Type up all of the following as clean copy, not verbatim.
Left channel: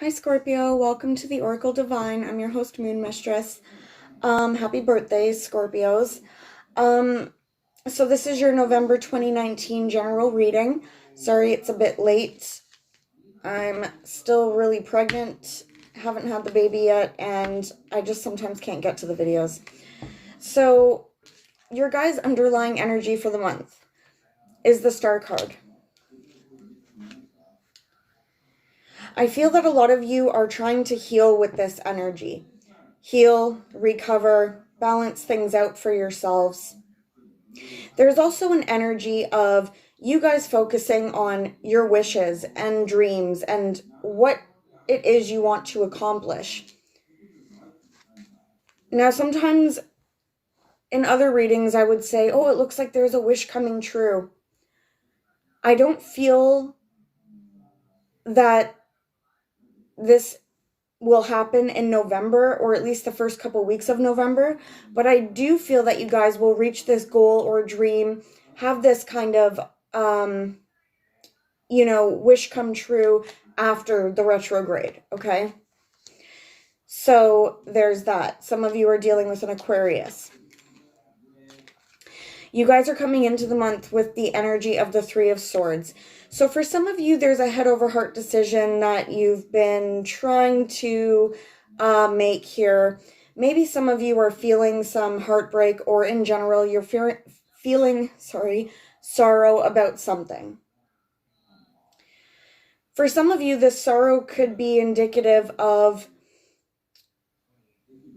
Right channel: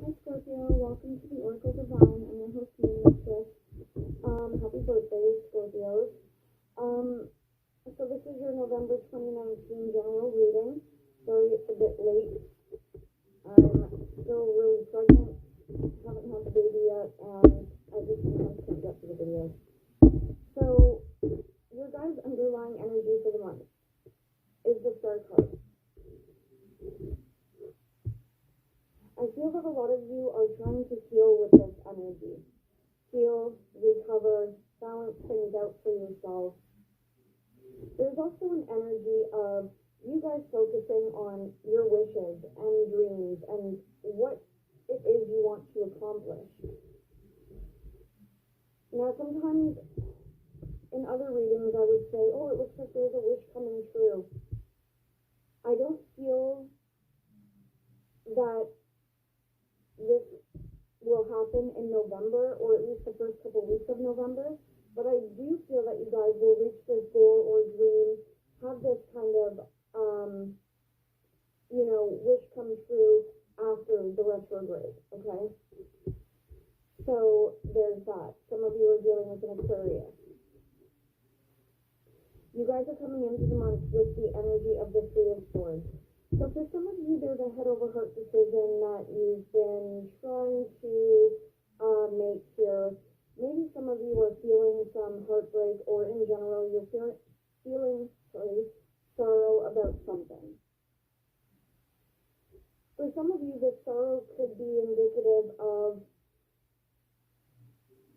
Hi Scorpio, welcome to the Oracle Divine. I'm your host, Moon Mistress. Happy birthday, Scorpios. So this is your November 2019 general reading. Sorry it's a bit late. I'm still really pregnant, haven't had the baby yet, and I just sometimes can't get to the videos. So your guys' underlying energy for the month is the Star card. I feel that a lot of you are trying to heal with this energy. Heal, recover, balance things out for yourselves. There's also an energy of you guys focusing on your wishes and dreams and what it is you want to accomplish. Now, sometimes in other readings, I would say, oh, it looks like there's a wish coming true. I don't feel that this will happen in November, or at least the first couple weeks of November, but I do feel that you guys will reach this goal or dream, have this kind of wish come true after the retrograde. Okay, so there's that. Some of you are dealing with an Aquarius. You guys are coming into the month with the energy of the Three of Swords. So for some of you, there's a head over heart decision that you've been trying to make here. Maybe some of you are feeling some heartbreak, or in general, you're feeling sorrow about something. For some of you, this sorrow could be indicative of,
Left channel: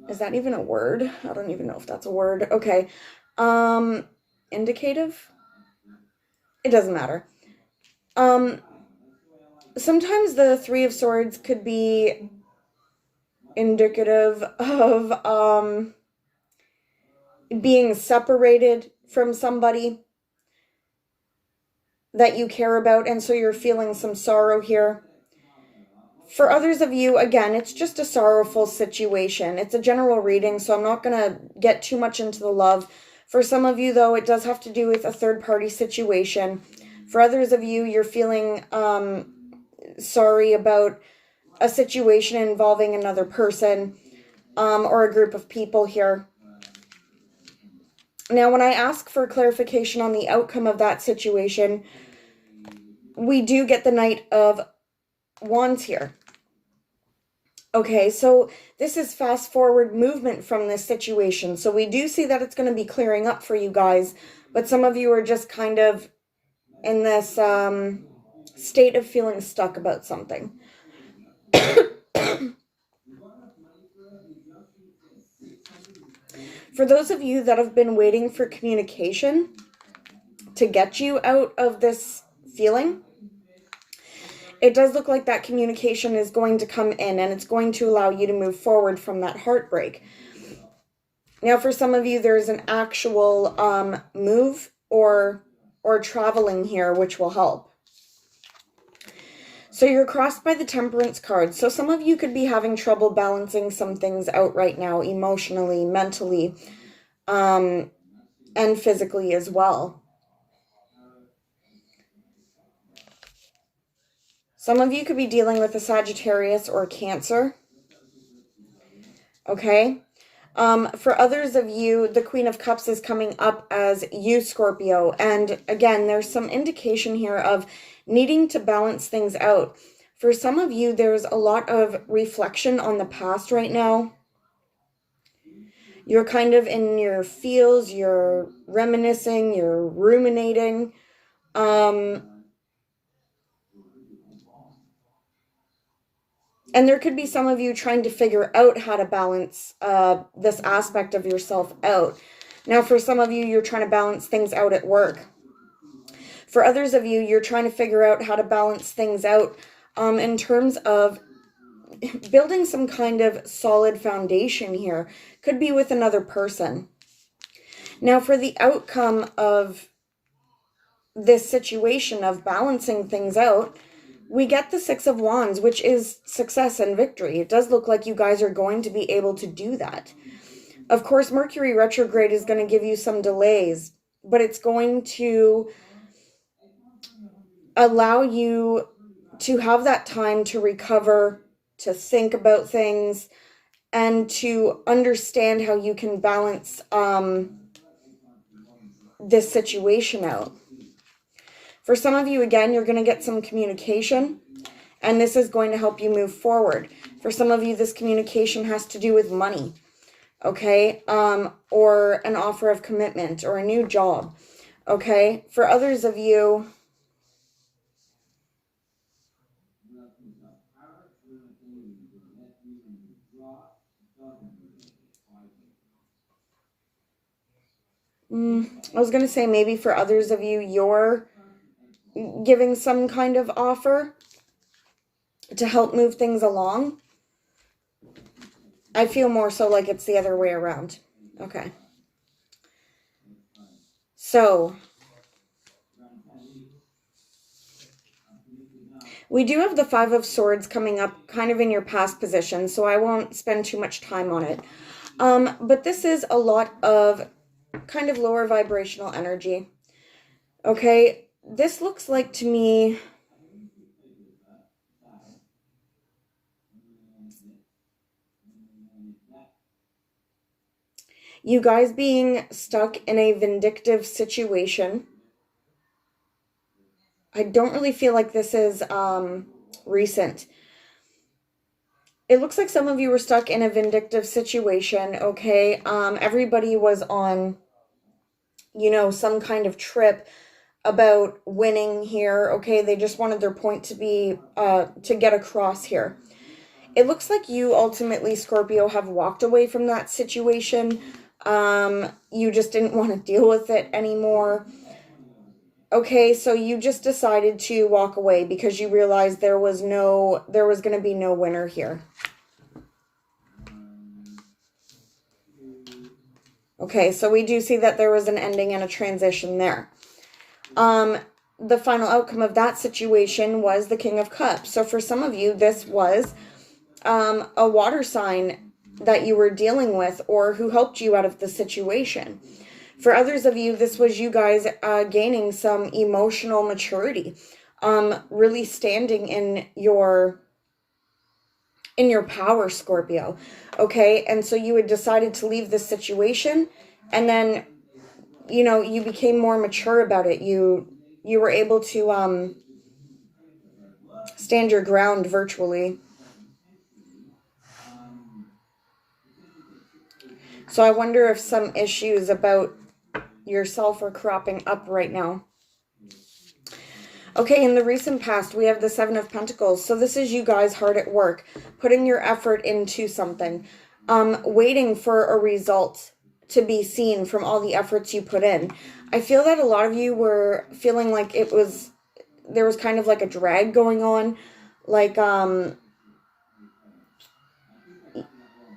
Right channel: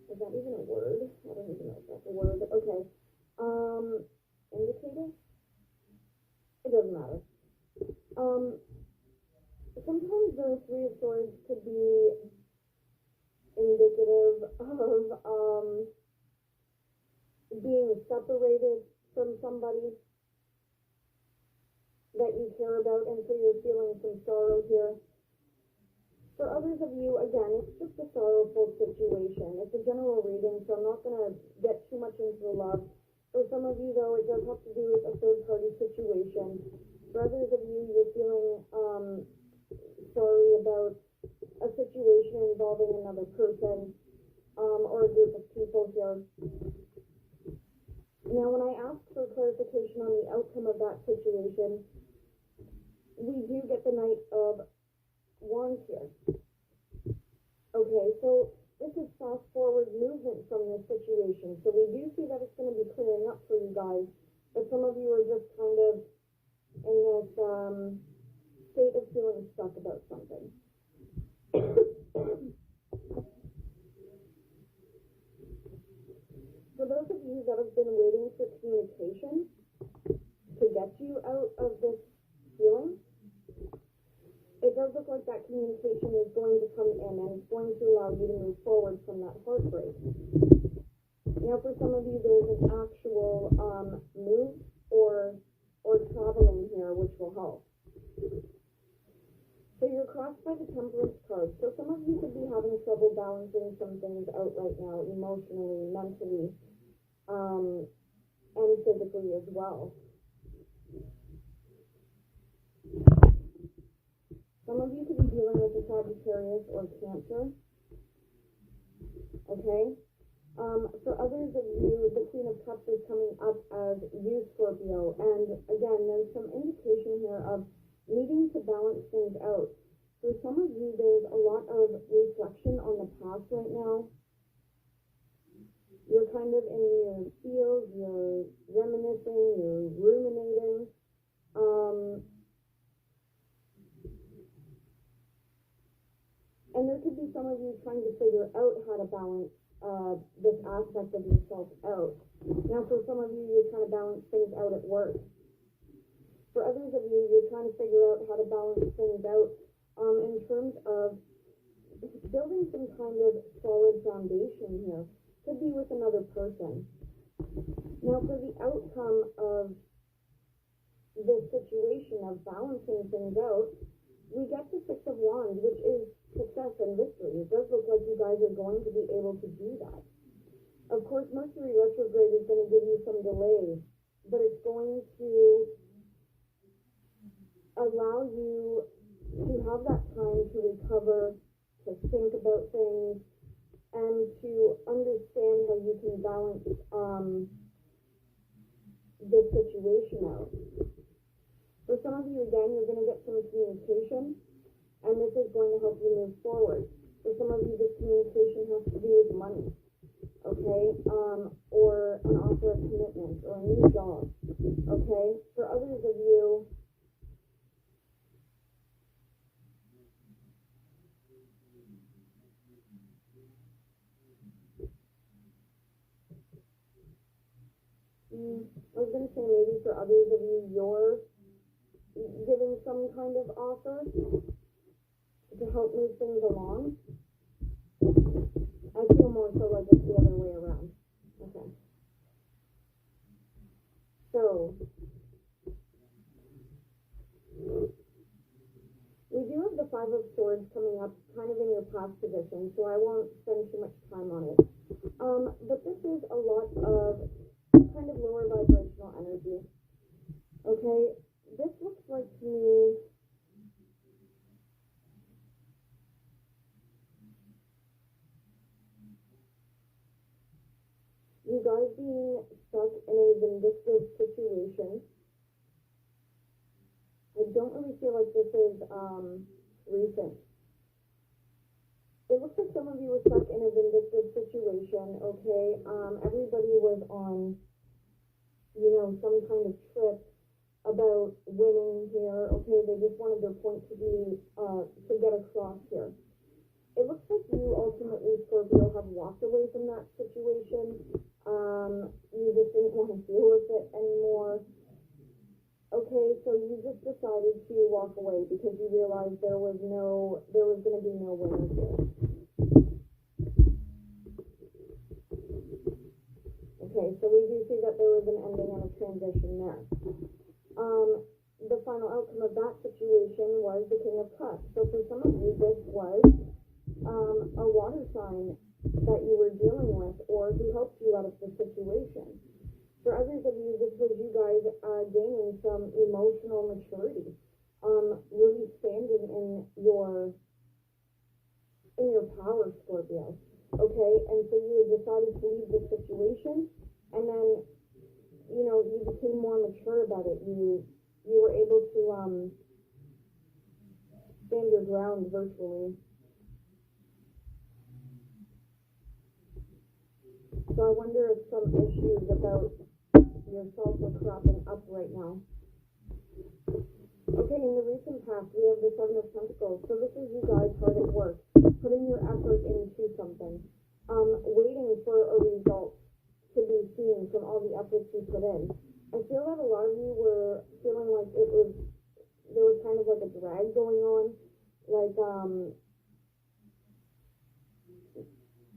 is that even a word? I don't even know if that's a word. Okay. Indicative? It doesn't matter. Sometimes the Three of Swords could be indicative of being separated from somebody that you care about, and so you're feeling some sorrow here. For others of you, again, it's just a sorrowful situation. It's a general reading, so I'm not going to get too much into the love. For some of you, though, it does have to do with a third-party situation. For others of you, you're feeling sorry about a situation involving another person or a group of people here. Now, when I ask for clarification on the outcome of that situation, we do get the Knight of Wands here. Okay, so this is fast forward movement from this situation. So we do see that it's going to be clearing up for you guys, but some of you are just kind of in this state of feeling stuck about something. For those of you that have been waiting for communication to get you out of this feeling, it does look like that communication is going to come in, and it's going to allow you to move forward from that heartbreak. Now, for some of you, there's an actual move or traveling here, which will help. So you're crossed by the Temperance card. So some of you could be having trouble balancing some things out right now, emotionally, mentally, and physically as well. Some of you could be dealing with a Sagittarius or Cancer. Okay. For others of you, the Queen of Cups is coming up as you, Scorpio. And again, there's some indication here of needing to balance things out. For some of you, there's a lot of reflection on the past right now. You're kind of in your feels, you're reminiscing, you're ruminating. And there could be some of you trying to figure out how to balance this aspect of yourself out. Now, for some of you, you're trying to balance things out at work. For others of you, you're trying to figure out how to balance things out in terms of building some kind of solid foundation here. Could be with another person. Now, for the outcome of this situation of balancing things out, we get the Six of Wands, which is success and victory. It does look like you guys are going to be able to do that. Of course, Mercury retrograde is going to give you some delays, but it's going to allow you to have that time to recover, to think about things, and to understand how you can balance this situation out. For some of you, again, you're going to get some communication, and this is going to help you move forward. For some of you, this communication has to do with money, okay? Or an offer of commitment or a new job, okay? For others of you, I was going to say maybe for others of you, you're giving some kind of offer to help move things along. I feel more so like it's the other way around. Okay. So, we do have the Five of Swords coming up kind of in your past position, so I won't spend too much time on it. But this is a lot of kind of lower vibrational energy. Okay, this looks like to me you guys being stuck in a vindictive situation. I don't really feel like this is recent. It looks like some of you were stuck in a vindictive situation, okay? Everybody was on, you know, some kind of trip about winning here, okay? They just wanted their point to be, to get across here. It looks like you ultimately, Scorpio, have walked away from that situation. You just didn't want to deal with it anymore. Okay, so you just decided to walk away because you realized there was going to be no winner here. Okay, so we do see that there was an ending and a transition there. The final outcome of that situation was the King of Cups. So for some of you, this was a water sign that you were dealing with or who helped you out of the situation. For others of you, this was you guys gaining some emotional maturity, really standing in your power, Scorpio. Okay, and so you had decided to leave this situation, and then, you know, you became more mature about it. You were able to stand your ground virtually. So I wonder if some issues about yourself are cropping up right now. Okay, in the recent past, we have the Seven of Pentacles. So this is you guys hard at work, putting your effort into something, waiting for a result to be seen from all the efforts you put in. I feel that a lot of you were feeling like there was kind of like a drag going on, like,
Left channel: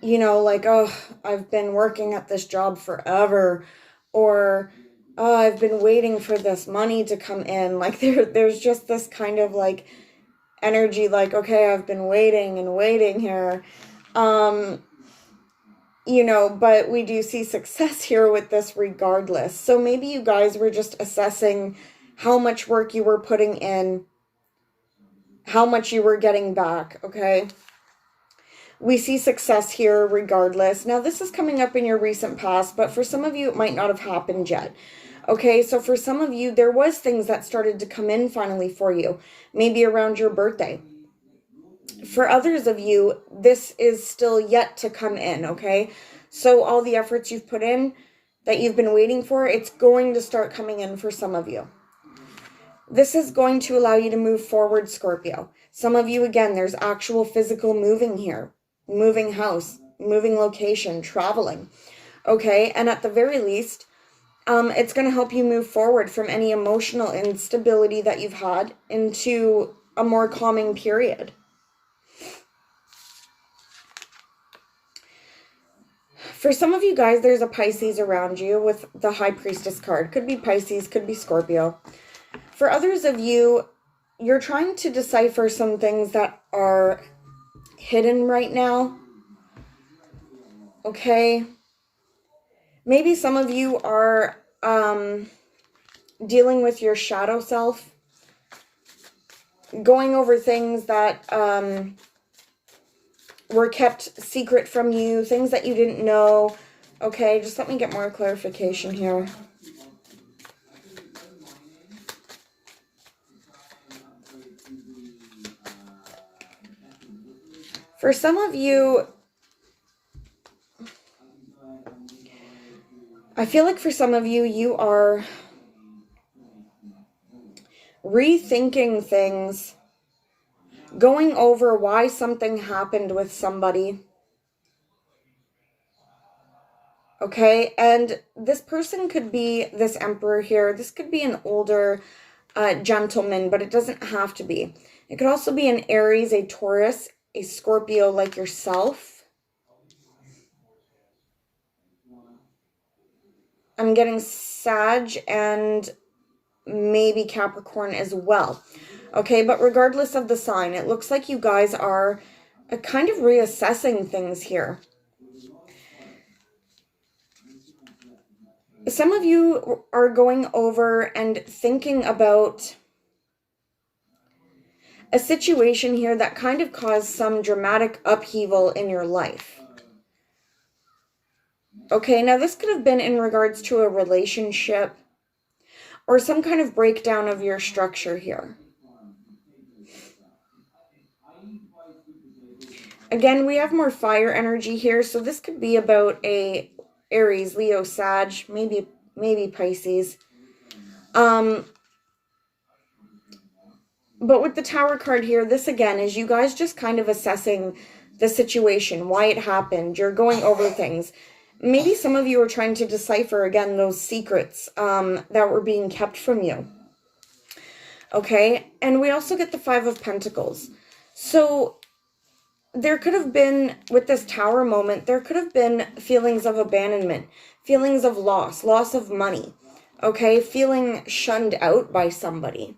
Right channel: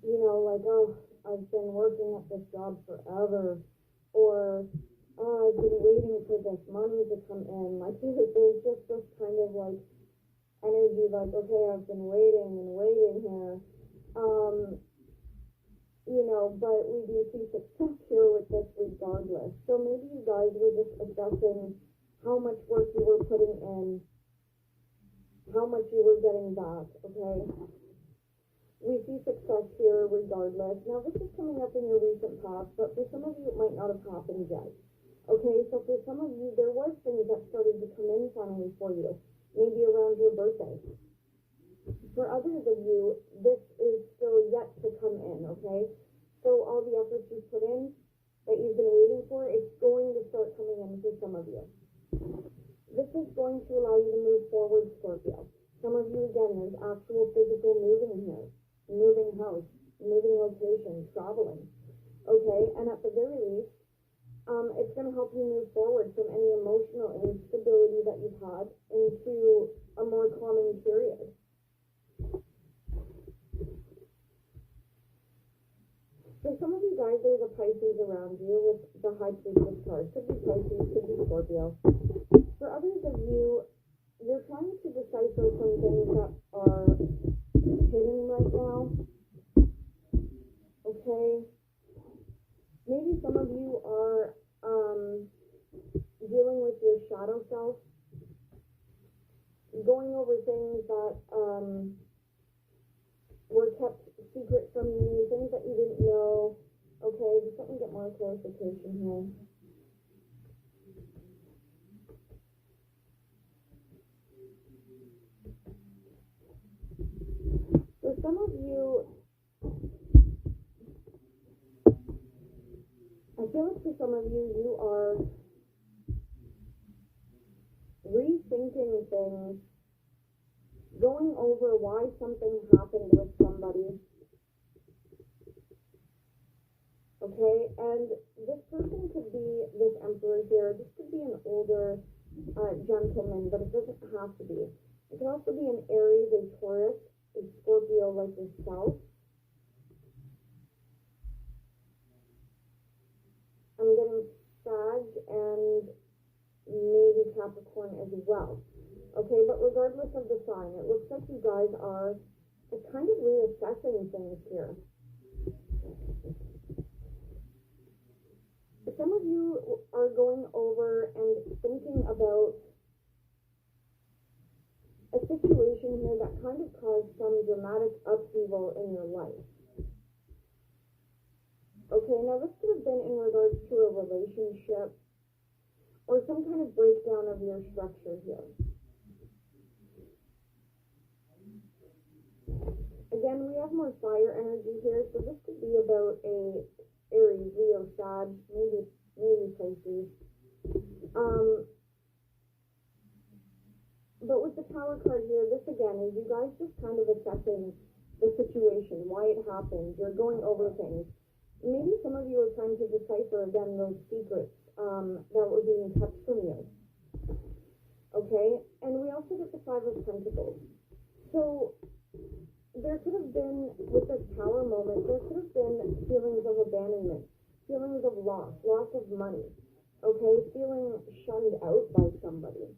you know, like, oh, I've been working at this job forever, or oh, I've been waiting for this money to come in. Like there's just this kind of like energy, like, okay, I've been waiting and waiting here. You know, but we do see success here with this regardless. So maybe you guys were just assessing how much work you were putting in, how much you were getting back, okay? We see success here regardless. Now, this is coming up in your recent past, but for some of you, it might not have happened yet. Okay, so for some of you, there was things that started to come in finally for you, maybe around your birthday. For others of you, this is still yet to come in, okay? So all the efforts you've put in that you've been waiting for, it's going to start coming in for some of you. This is going to allow you to move forward, Scorpio. Some of you, again, there's actual physical moving here. Moving house, moving location, traveling. Okay, and at the very least, it's going to help you move forward from any emotional instability that you've had into a more calming period. For some of you guys, there's a Pisces around you with the High Priestess card. Could be Pisces, could be Scorpio. For others of you, you're trying to decipher some things that are hidden right now. Okay. Maybe some of you are dealing with your shadow self. going over things that were kept secret from you, things that you didn't know. Okay, just let me get more clarification here. For some of you, I feel like for some of you, you are rethinking things, going over why something happened with somebody. Okay, and this person could be this Emperor here. This could be an older gentleman, but it doesn't have to be. It could also be an Aries, a Taurus, a Scorpio like yourself. I'm getting Sag and maybe Capricorn as well. Okay, but regardless of the sign, it looks like you guys are kind of reassessing things here. Some of you are going over and thinking about a situation here that kind of caused some dramatic upheaval in your life. Okay, now this could have been in regards to a relationship or some kind of breakdown of your structure here. Again, we have more fire energy here, so this could be about a Aries, Leo, Sag, maybe Pisces. But with the Tower card here, this again is you guys just kind of assessing the situation, why it happened. You're going over things. Maybe some of you are trying to decipher, again, those secrets that were being kept from you. Okay, and we also get the Five of Pentacles. So there could have been, with this Tower moment, there could have been feelings of abandonment, feelings of loss of money, okay, feeling shunned out by somebody.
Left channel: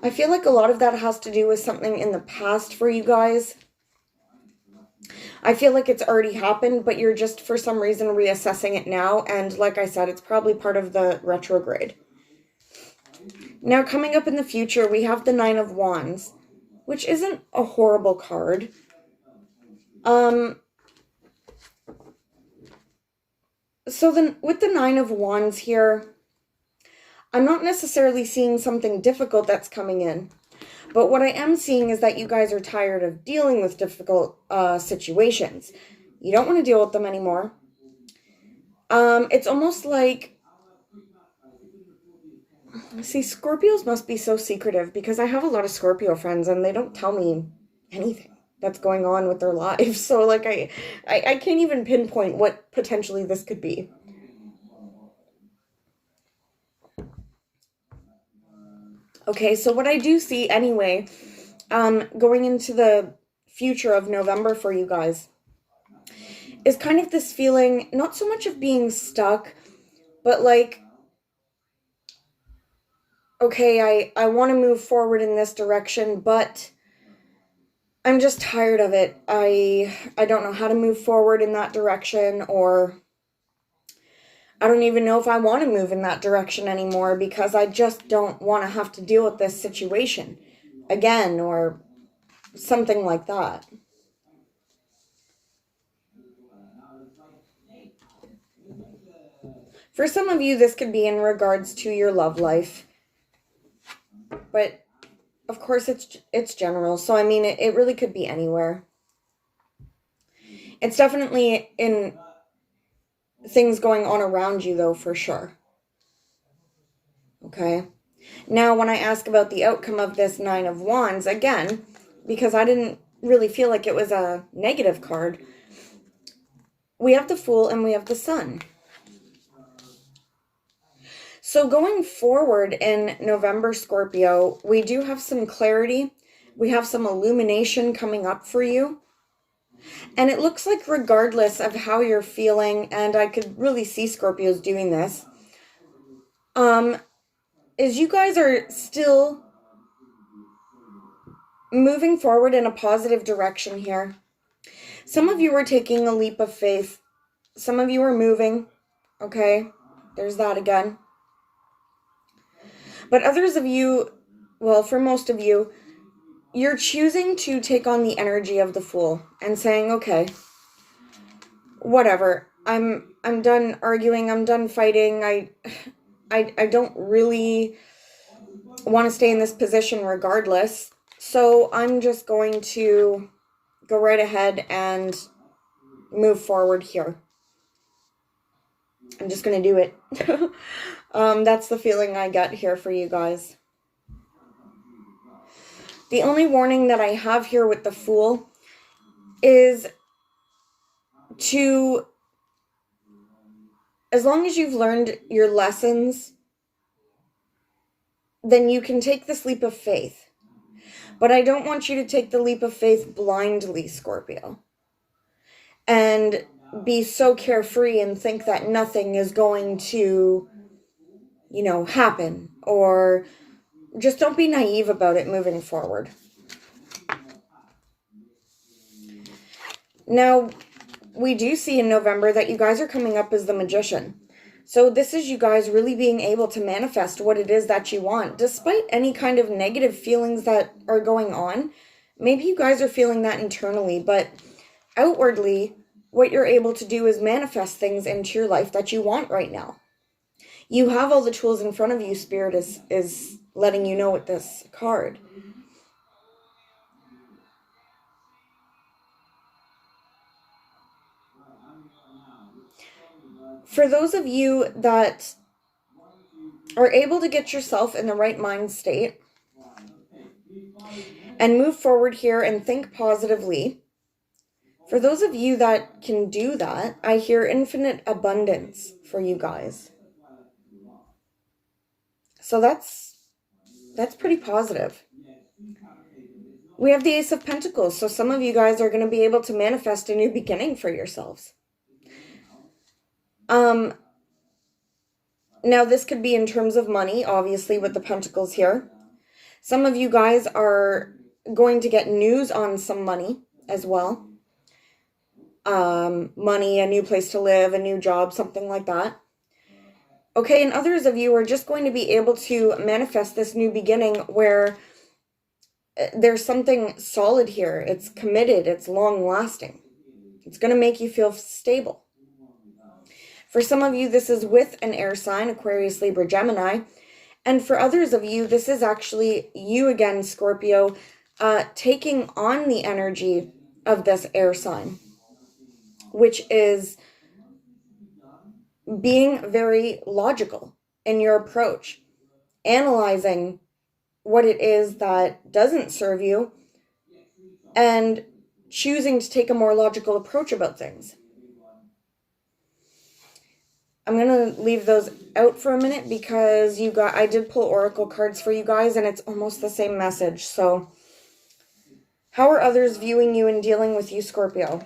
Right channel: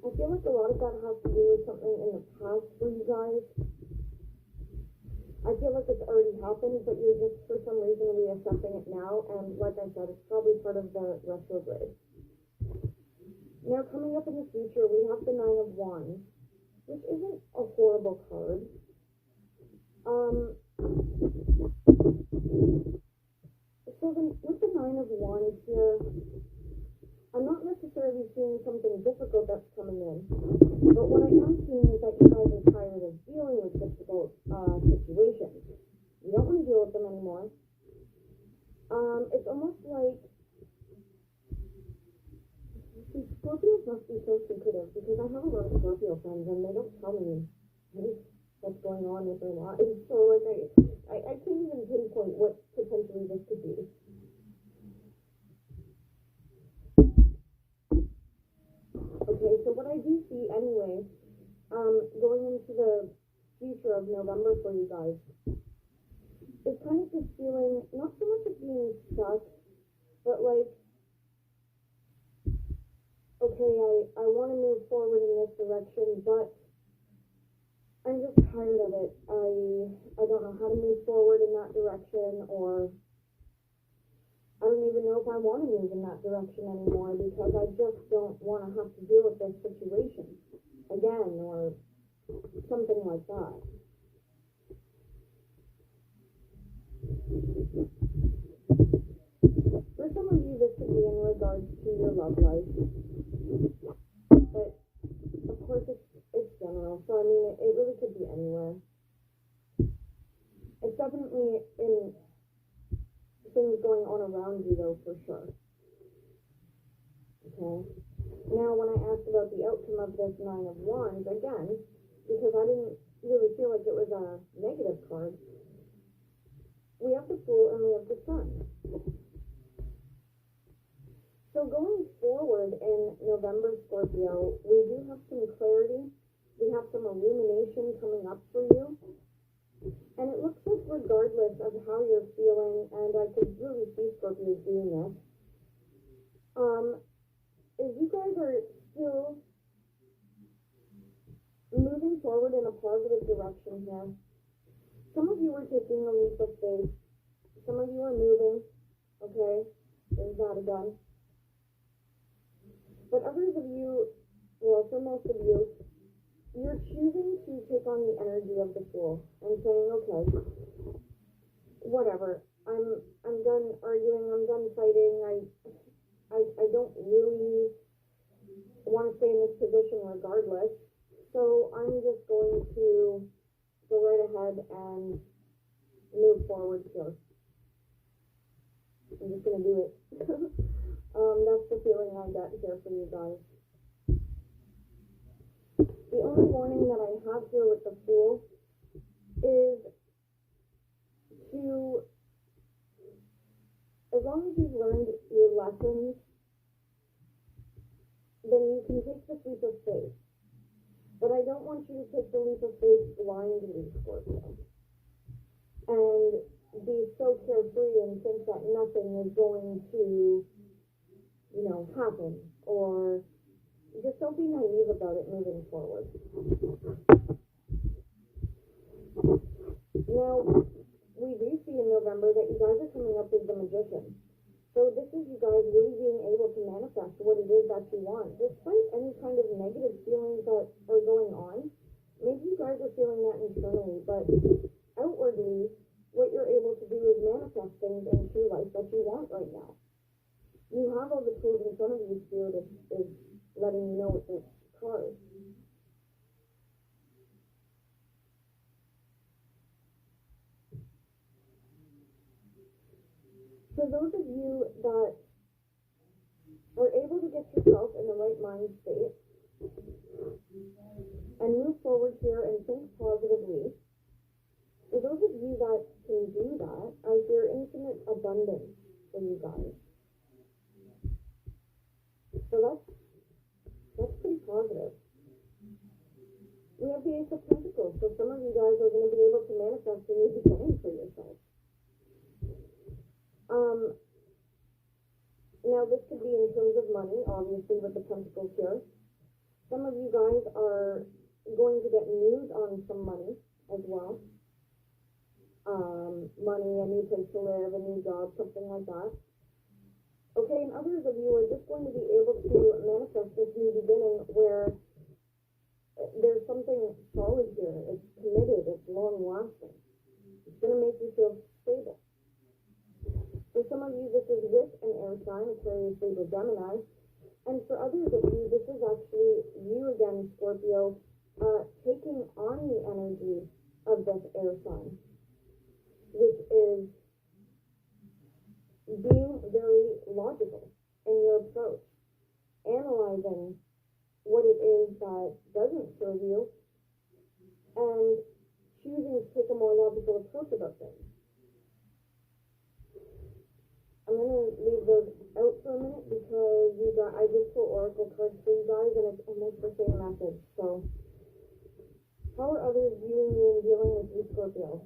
I feel like a lot of that has to do with something in the past for you guys. I feel like it's already happened, but you're just for some reason reassessing it now. And like I said, it's probably part of the retrograde. Now, coming up in the future, we have the Nine of Wands, which isn't a horrible card. So then with the Nine of Wands here, I'm not necessarily seeing something difficult that's coming in, but what I am seeing is that you guys are tired of dealing with difficult situations. You don't want to deal with them anymore. It's almost like, see, Scorpios must be so secretive because I have a lot of Scorpio friends and they don't tell me anything that's going on with their lives. So like I can't even pinpoint what potentially this could be. Okay, so what I do see anyway, going into the future of November for you guys, is kind of this feeling, not so much of being stuck, but like, okay, I want to move forward in this direction, but I'm just tired of it. I don't know how to move forward in that direction, or I don't even know if I want to move in that direction anymore because I just don't want to have to deal with this situation again, or something like that. For some of you, this could be in regards to your love life, but of course it's general. So I mean, it really could be anywhere. It's definitely in things going on around you, though, for sure. Okay. Now, when I ask about the outcome of this Nine of Wands, again, because I didn't really feel like it was a negative card, we have the Fool and we have the Sun. So going forward in November, Scorpio, we do have some clarity. We have some illumination coming up for you. And it looks like regardless of how you're feeling, and I could really see Scorpios doing this, is you guys are still moving forward in a positive direction here. Some of you are taking a leap of faith. Some of you are moving, okay? There's that again. But others of you, well, for most of you, you're choosing to take on the energy of the Fool and saying, okay, whatever. I'm done arguing. I'm done fighting. I don't really want to stay in this position regardless. So I'm just going to go right ahead and move forward here. I'm just going to do it. That's the feeling I get here for you guys. The only warning that I have here with the Fool is to, as long as you've learned your lessons, then you can take this leap of faith. But I don't want you to take the leap of faith blindly, Scorpio, and be so carefree and think that nothing is going to, happen, or just don't be naive about it moving forward. Now, we do see in November that you guys are coming up as the Magician. So this is you guys really being able to manifest what it is that you want, despite any kind of negative feelings that are going on. Maybe you guys are feeling that internally, but outwardly, what you're able to do is manifest things into your life that you want right now. You have all the tools in front of you. Spirit is letting you know with this card. For those of you that are able to get yourself in the right mind state and move forward here and think positively, for those of you that can do that, I hear infinite abundance for you guys. So that's pretty positive. We have the Ace of Pentacles, so some of you guys are going to be able to manifest a new beginning for yourselves. Now this could be in terms of money, obviously, with the Pentacles here. Some of you guys are going to get news on some money as well. Money, a new place to live, a new job, something like that. Okay, and others of you are just going to be able to manifest this new beginning where there's something solid here. It's committed. It's long-lasting. It's going to make you feel stable. For some of you, this is with an air sign, Aquarius, Libra, Gemini. And for others of you, this is actually you again, Scorpio, taking on the energy of this air sign, which is being very logical in your approach, analyzing what it is that doesn't serve you, and choosing to take a more logical approach about things. I'm going to leave those out for a minute because I did pull oracle cards for you guys and it's almost the same message. So how are others viewing you and dealing with you, Scorpio?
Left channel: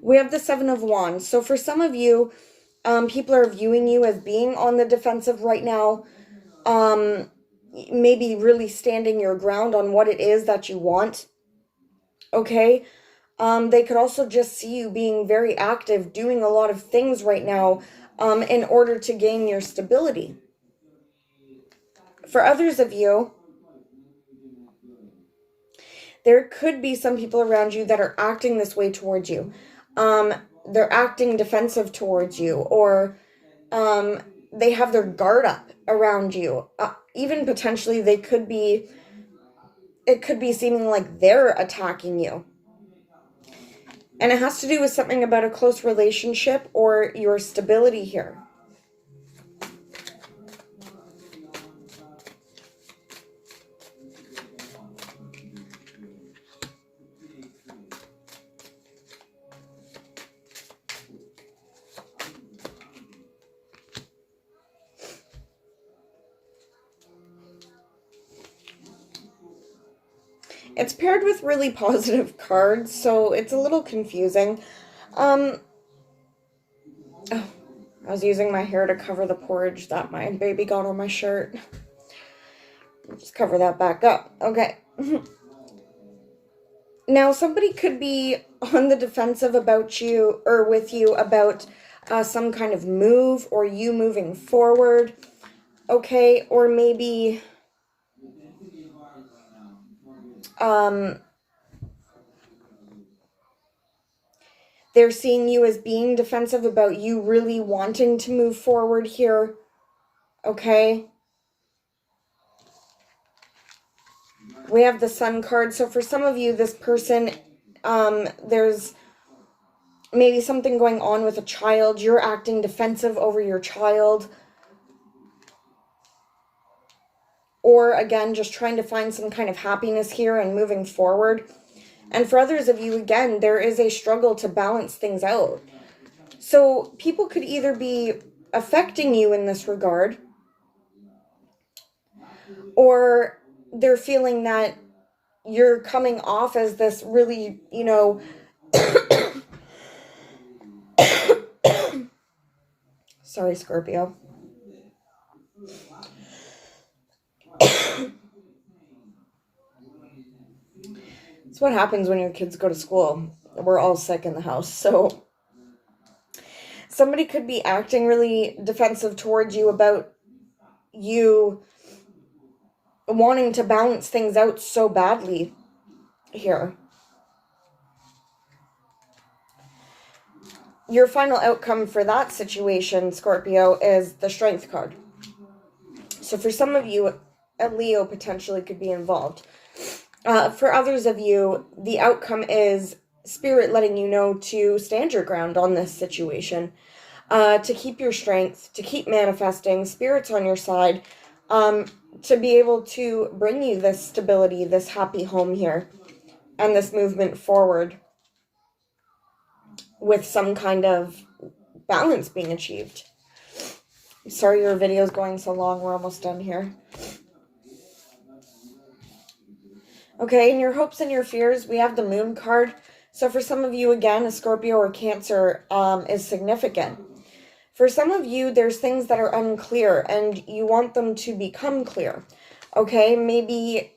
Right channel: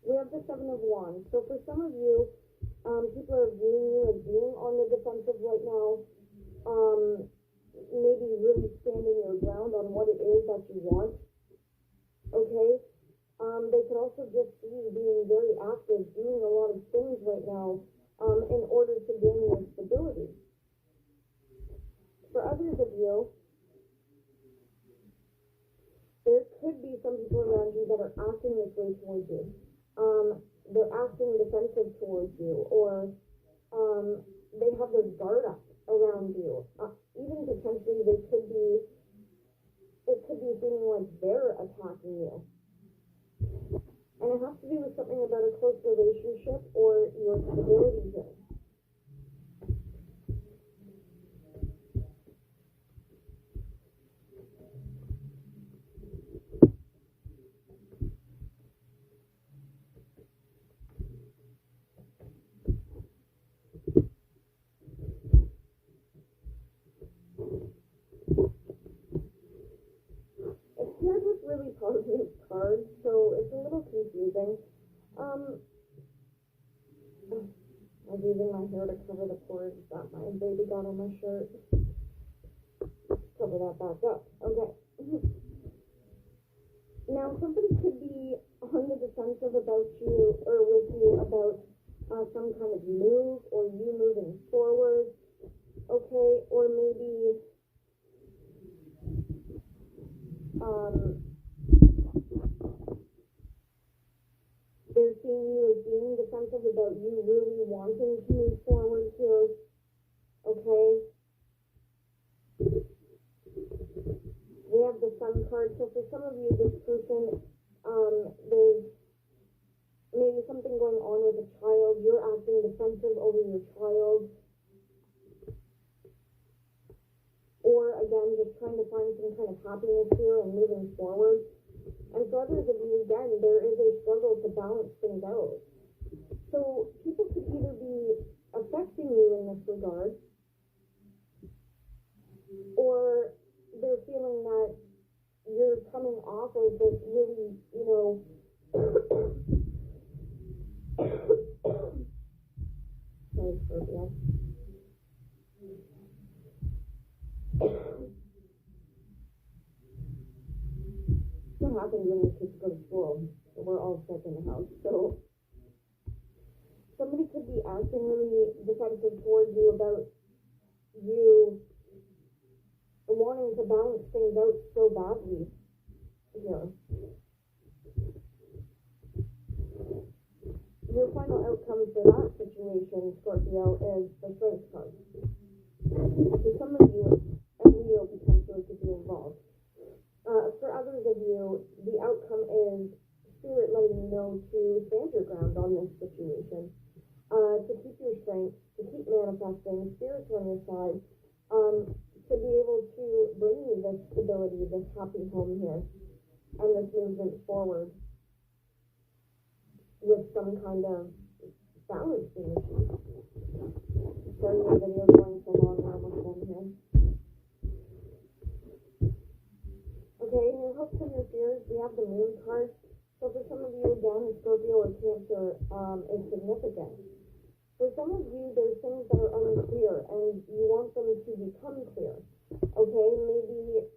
We have the Seven of Wands. So for some of you, people are viewing you as being on the defensive right now. Maybe really standing your ground on what it is that you want. Okay? They could also just see you being very active, doing a lot of things right now in order to gain your stability. For others of you, there could be some people around you that are acting this way towards you. They're acting defensive towards you, or they have their guard up around you. Even potentially it could be seeming like they're attacking you. And it has to do with something about a close relationship or your stability here. It's paired with really positive cards, so it's a little confusing. Oh, I was using my hair to cover the porridge that my baby got on my shirt. Just cover that back up. Okay. Now, somebody could be on the defensive about you, or with you, about some kind of move, or you moving forward, okay? Or maybe they're seeing you as being defensive about you really wanting to move forward here, okay? We have the Sun card. So for some of you, this person, there's maybe something going on with a child. You're acting defensive over your child. Or again, just trying to find some kind of happiness here and moving forward. And for others of you, again, there is a struggle to balance things out. So people could either be affecting you in this regard, or they're feeling that you're coming off as this really, you know, sorry, Scorpio. It's what happens when your kids go to school. We're all sick in the house. So somebody could be acting really defensive towards you about you wanting to balance things out so badly here. Your final outcome for that situation, Scorpio, is the Strength card. So for some of you, a Leo potentially could be involved. For others of you, the outcome is Spirit letting you know to stand your ground on this situation, to keep your strength, to keep manifesting. Spirit's on your side, to be able to bring you this stability, this happy home here, and this movement forward with some kind of balance being achieved. Sorry your video's going so long. We're almost done here. Okay, in your hopes and your fears, we have the Moon card. So for some of you, again, a Scorpio or Cancer is significant. For some of you, there's things that are unclear and you want them to become clear. Okay, maybe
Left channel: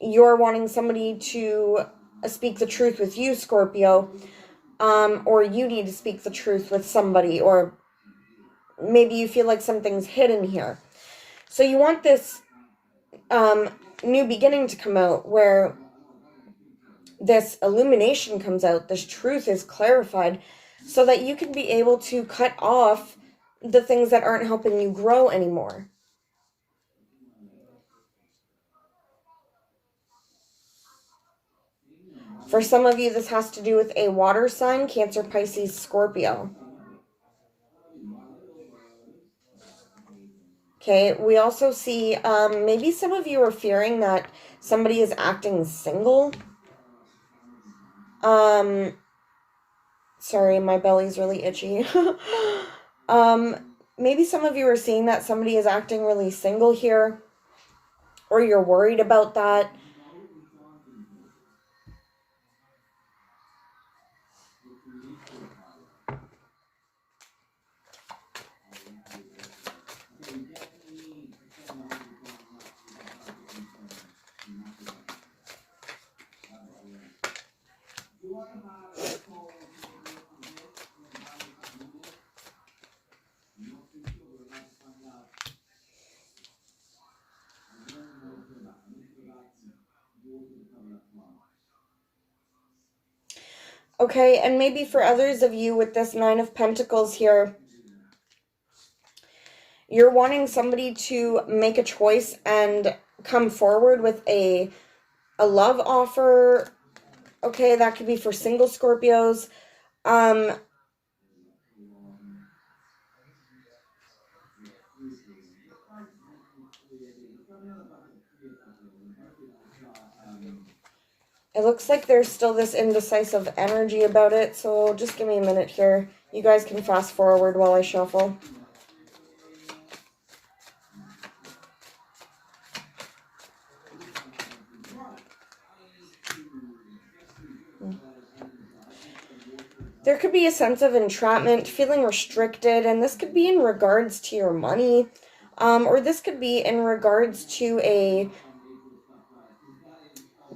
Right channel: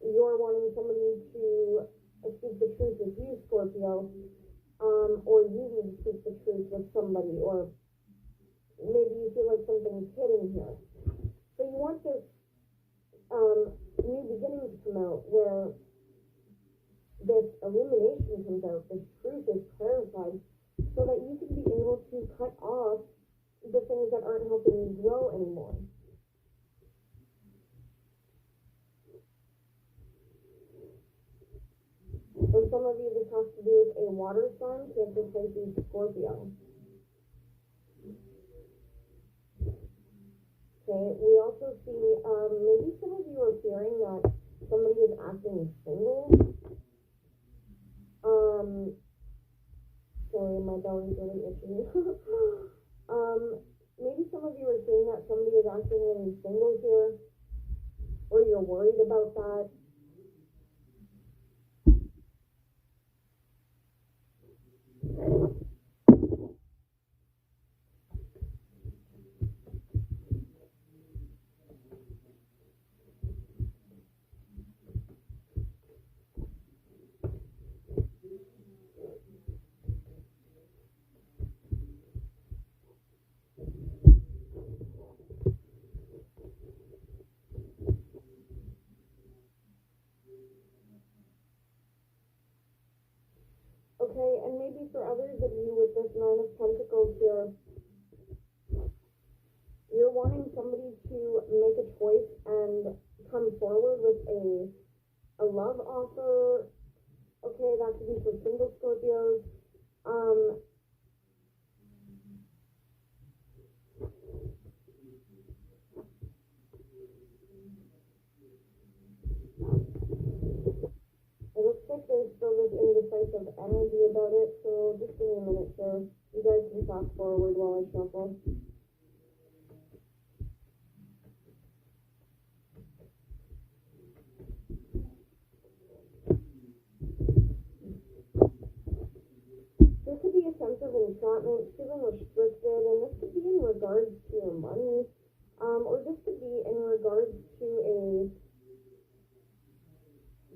you're wanting somebody to speak the truth with you, Scorpio, or you need to speak the truth with somebody, or maybe you feel like something's hidden here. So you want this new beginning to come out, where this illumination comes out, this truth is clarified, so that you can be able to cut off the things that aren't helping you grow anymore. For some of you, this has to do with a water sign, Cancer, Pisces, Scorpio. Okay, we also see maybe some of you are fearing that somebody is acting single. Sorry, my belly's really itchy. Maybe some of you are seeing that somebody is acting really single here, or you're worried about that. Okay, and maybe for others of you with this Nine of Pentacles here, you're wanting somebody to make a choice and come forward with a love offer. Okay, that could be for single Scorpios. It looks like there's still this indecisive energy about it, so just give me a minute here. You guys can fast forward while I shuffle. There could be a sense of entrapment, feeling restricted, and this could be in regards to your money, or this could be in regards to a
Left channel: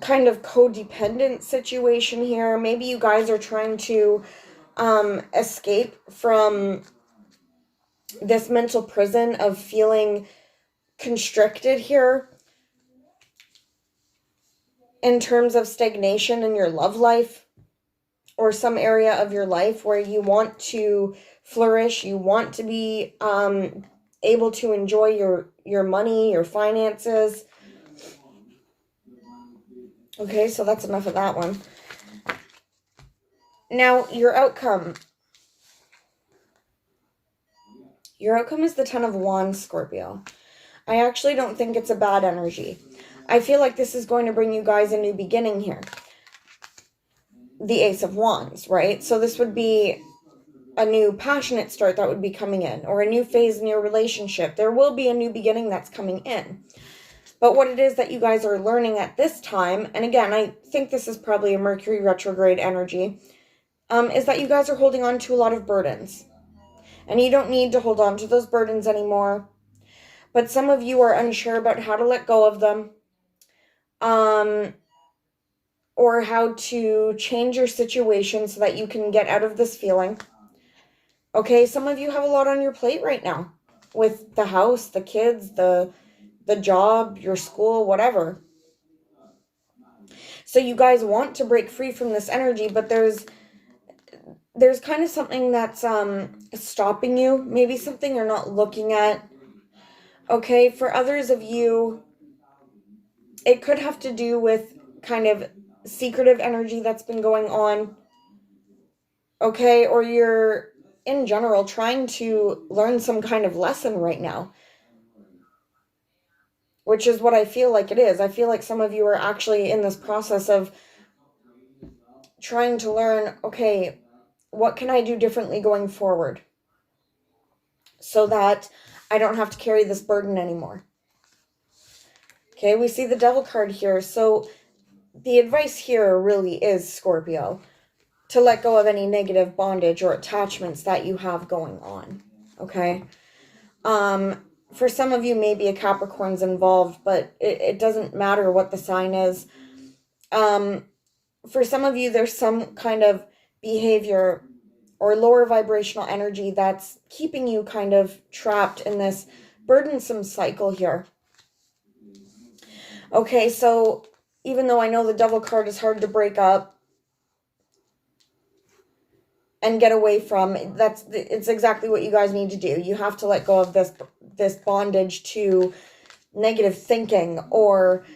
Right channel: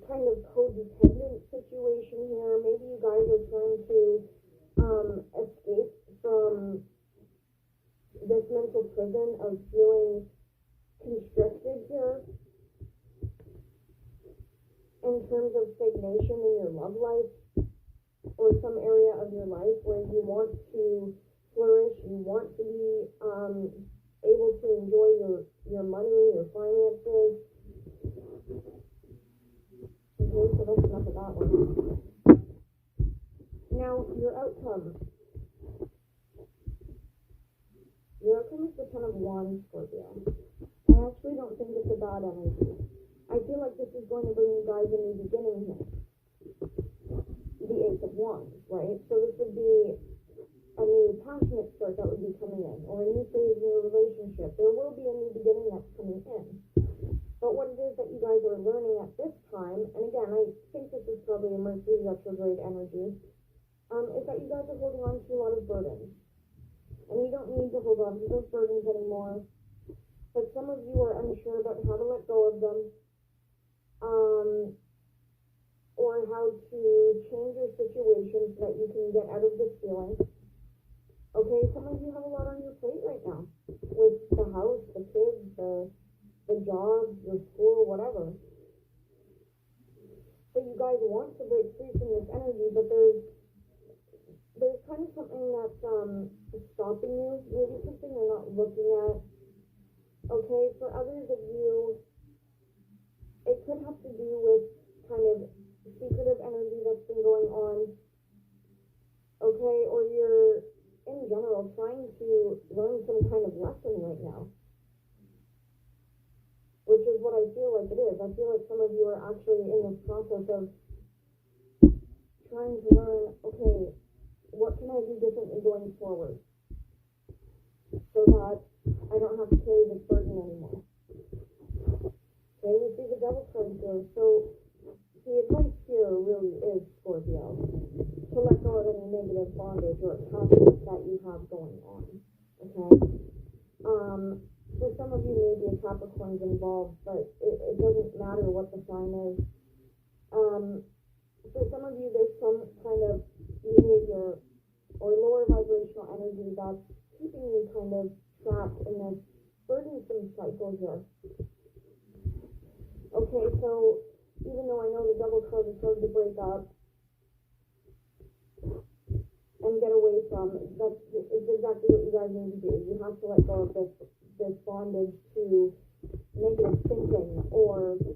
kind of codependent situation here. Maybe you guys are trying to escape from this mental prison of feeling constricted here in terms of stagnation in your love life or some area of your life where you want to flourish, you want to be able to enjoy your money, your finances. Okay, so that's enough of that one. Now, your outcome. Your outcome is the Ten of Wands, Scorpio. I actually don't think it's a bad energy. I feel like this is going to bring you guys a new beginning here. The Ace of Wands, right? So this would be a new passionate start that would be coming in, or a new phase in your relationship. There will be a new beginning that's coming in. But what it is that you guys are learning at this time, and again, I think this is probably a Mercury retrograde energy, is that you guys are holding on to a lot of burdens. And you don't need to hold on to those burdens anymore. But some of you are unsure about how to let go of them. Or how to change your situation so that you can get out of this feeling. Okay, some of you have a lot on your plate right now. With the house, the kids, the job, your school, whatever. So you guys want to break free from this energy, but there's kind of something that's stopping you. Maybe something you're not looking at. Okay, for others of you, it could have to do with kind of secretive energy that's been going on. Okay, or you're, in general, trying to learn some kind of lesson right now. Which is what I feel like it is. I feel like some of you are actually in this process of trying to learn, okay, what can I do differently going forward so that I don't have to carry this burden anymore. Okay, we see the Devil card here. So the advice here really is, Scorpio, to let go of any negative bondage or attachments that you have going on. Okay? For some of you, maybe a Capricorn's involved, but it doesn't matter what the sign is. For some of you, there's some kind of behavior or lower vibrational energy that's keeping you kind of trapped in this burdensome cycle here. Okay, so even though I know the Devil card is hard to break up and get away from, it's exactly what you guys need to do. You have to let go of this bondage to negative thinking or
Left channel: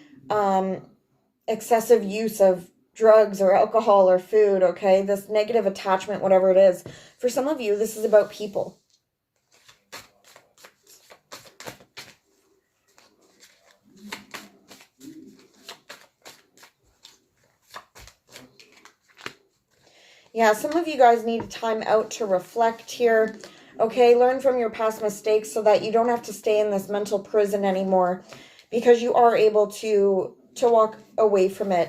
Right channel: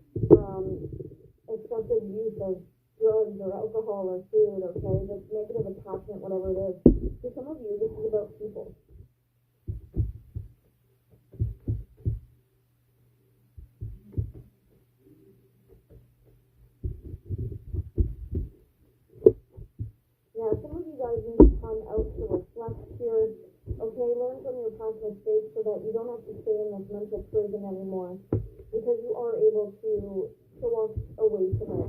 excessive use of drugs or alcohol or food, okay? This negative attachment, whatever it is. For some of you, this is about people. Yeah, some of you guys need time out to reflect here. Okay, learn from your past mistakes so that you don't have to stay in this mental prison anymore, because you are able to walk away from it.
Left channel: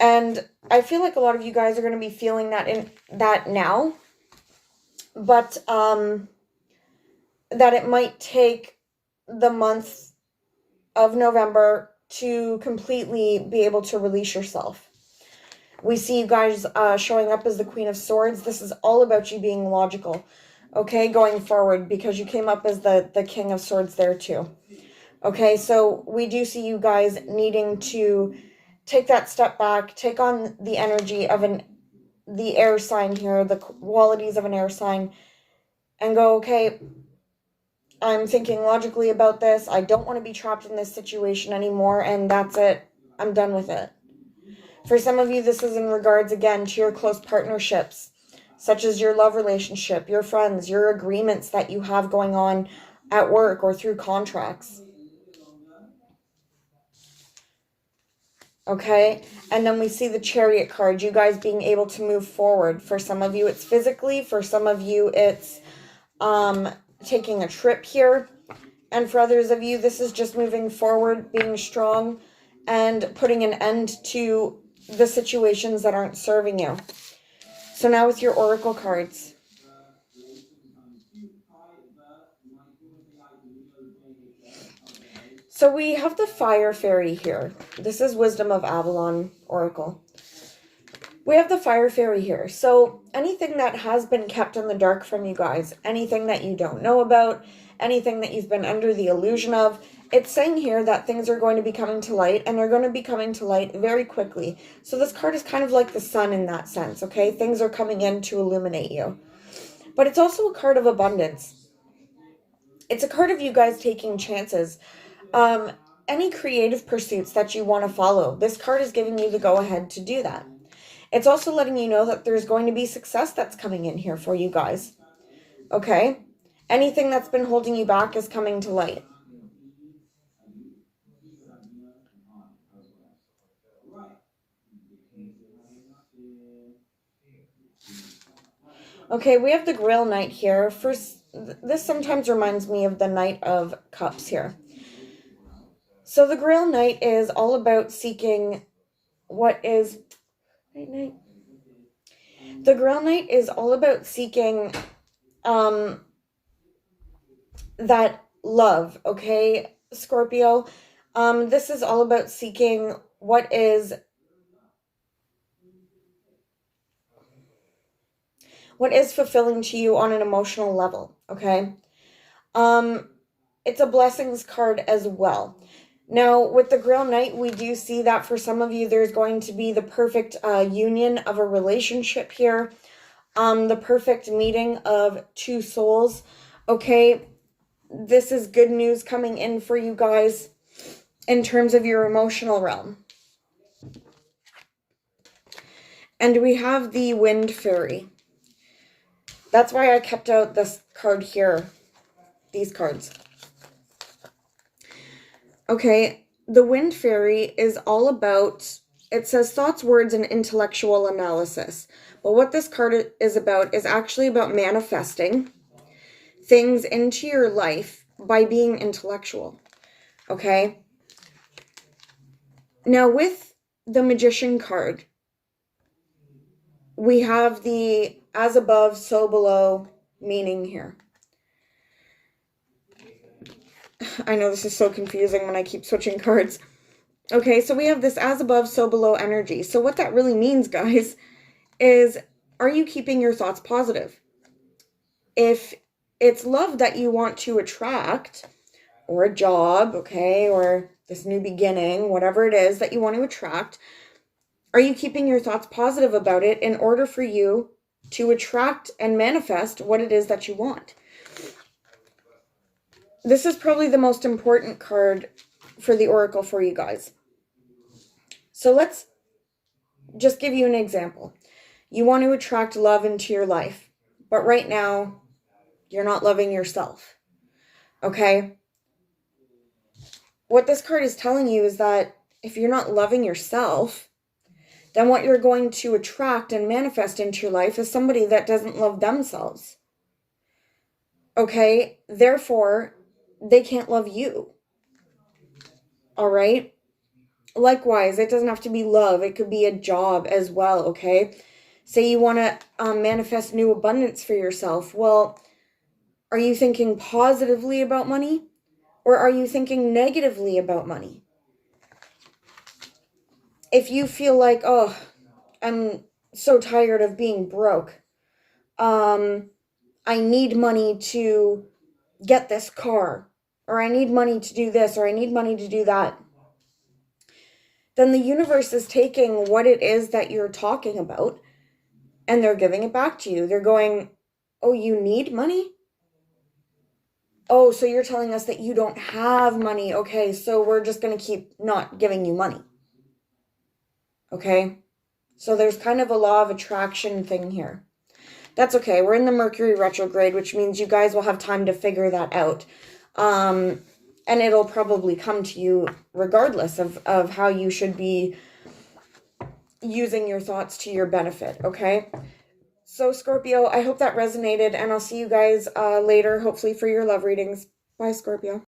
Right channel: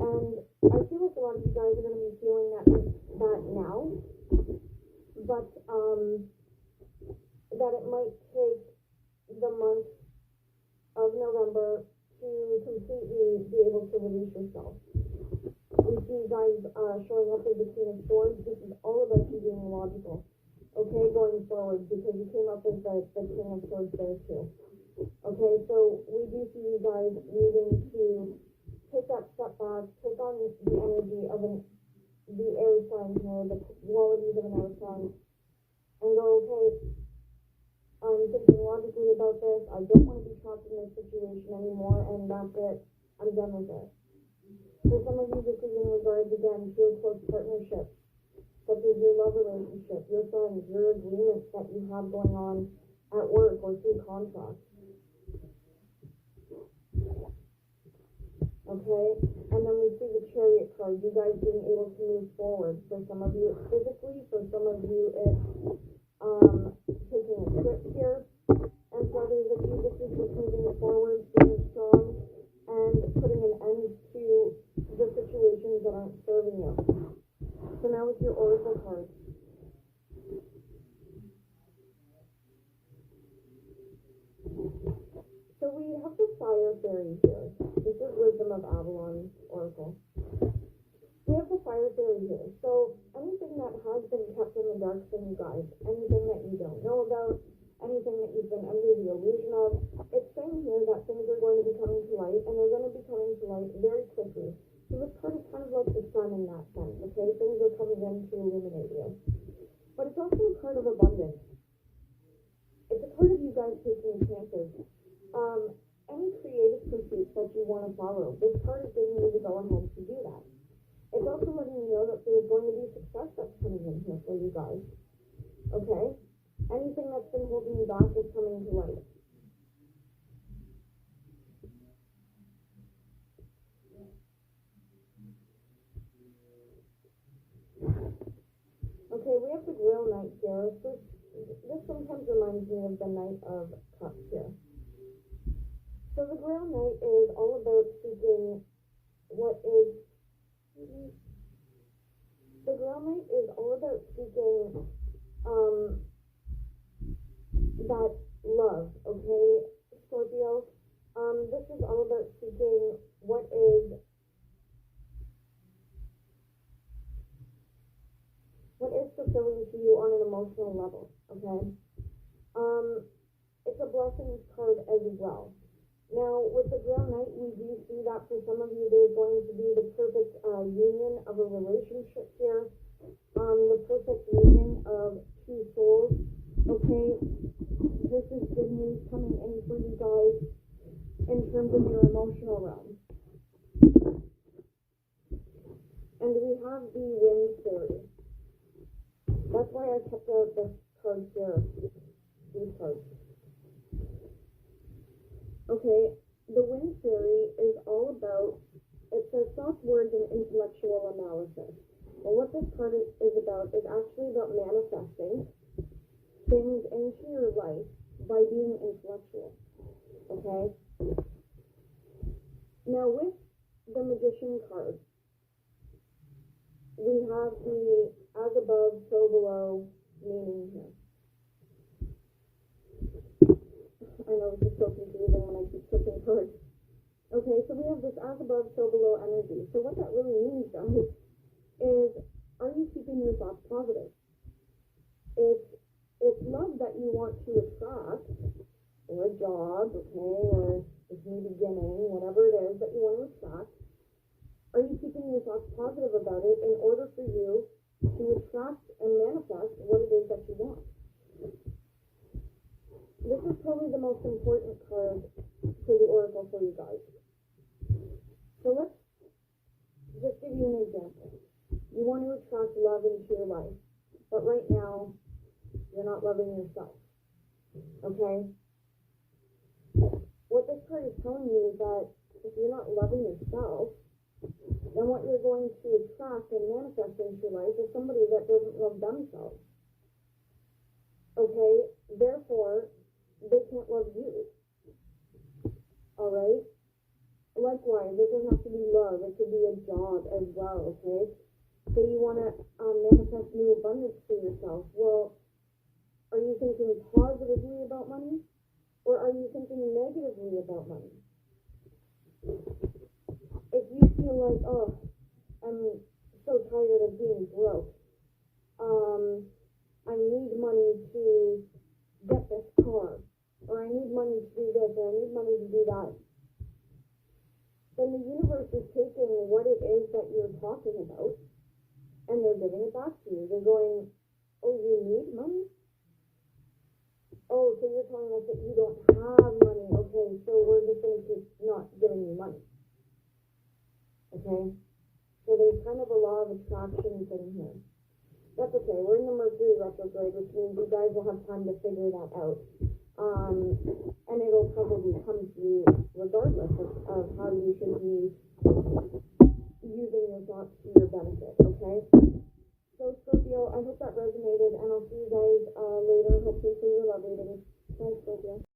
And I feel like a lot of you guys are going to be feeling that now, but that it might take the month of November to completely be able to release yourself. We see you guys showing up as the Queen of Swords. This is all about you being logical, okay, going forward, because you came up as the King of Swords there too. Okay, so we do see you guys needing to take that step back, take on the energy of the air sign here, the qualities of an air sign, and go, okay, I'm thinking logically about this. I don't want to be trapped in this situation anymore, and that's it. I'm done with it. For some of you, this is in regards, again, to your close partnerships, such as your love relationship, your friends, your agreements that you have going on at work or through contracts. Okay, and then we see the Chariot card, you guys being able to move forward. For some of you, it's physically. For some of you, it's taking a trip here. And for others of you, this is just moving forward, being strong, and putting an end to the situations that aren't serving you. So now with your Oracle cards. So we have the Fire Fairy here. This is Wisdom of Avalon Oracle. We have the Fire Fairy here. So anything that has been kept in the dark from you guys, anything that you don't know about, anything that you've been under the illusion of, it's saying here that things are going to be coming to light, and they're going to be coming to light very quickly. So this card is kind of like the sun in that sense, okay? Things are coming in to illuminate you. But it's also a card of abundance. It's a card of you guys taking chances. Any creative pursuits that you want to follow, this card is giving you the go-ahead to do that. It's also letting you know that there's going to be success that's coming in here for you guys. Okay? Anything that's been holding you back is coming to light. Okay, we have the Grail Knight here. First, this sometimes reminds me of the Knight of Cups here. So the Grail Knight is all about seeking what is... The Grail Knight is all about seeking that love, okay, Scorpio? This is all about seeking what is fulfilling to you on an emotional level, okay? It's a blessings card as well. Now, with the Grail Knight, we do see that for some of you, there's going to be the perfect union of a relationship here. The perfect meeting of two souls, okay? This is good news coming in for you guys in terms of your emotional realm. And we have the Wind Fairy. That's why I kept out this card here, these cards. Okay, the Wind Fairy is all about, it says thoughts, words, and intellectual analysis. Well, what this card is about is actually about manifesting things into your life by being intellectual, okay? Now, with the Magician card, we have the as above, so below meaning here. I know this is so confusing when I keep switching cards. Okay, so we have this as above, so below energy. So what that really means, guys, is are you keeping your thoughts positive? If it's love that you want to attract, or a job, okay, or this new beginning, whatever it is that you want to attract, are you keeping your thoughts positive about it in order for you to attract and manifest what it is that you want? This is probably the most important card for the Oracle for you guys. So let's just give you an example. You want to attract love into your life, but right now, you're not loving yourself, okay? What this card is telling you is that if you're not loving yourself, then what you're going to attract and manifest into your life is somebody that doesn't love themselves, okay? Therefore, they can't love you, all right? Likewise, it doesn't have to be love. It could be a job as well, okay? Say you want to manifest new abundance for yourself. Well, are you thinking positively about money, or are you thinking negatively about money? If you feel like, oh, I'm so tired of being broke, I need money to get this car, or I need money to do this, or I need money to do that, then the universe is taking what it is that you're talking about and they're giving it back to you. They're going, oh, you need money? Oh, so you're telling us that you don't have money. Okay, so we're just going to keep not giving you money. Okay? So there's kind of a law of attraction thing here. That's okay. We're in the Mercury retrograde, which means you guys will have time to figure that out. And it'll probably come to you regardless of how you should be using your thoughts to your benefit, okay? So, Scorpio, I hope that resonated, and I'll see you guys later, hopefully for your love readings. Bye, Scorpio.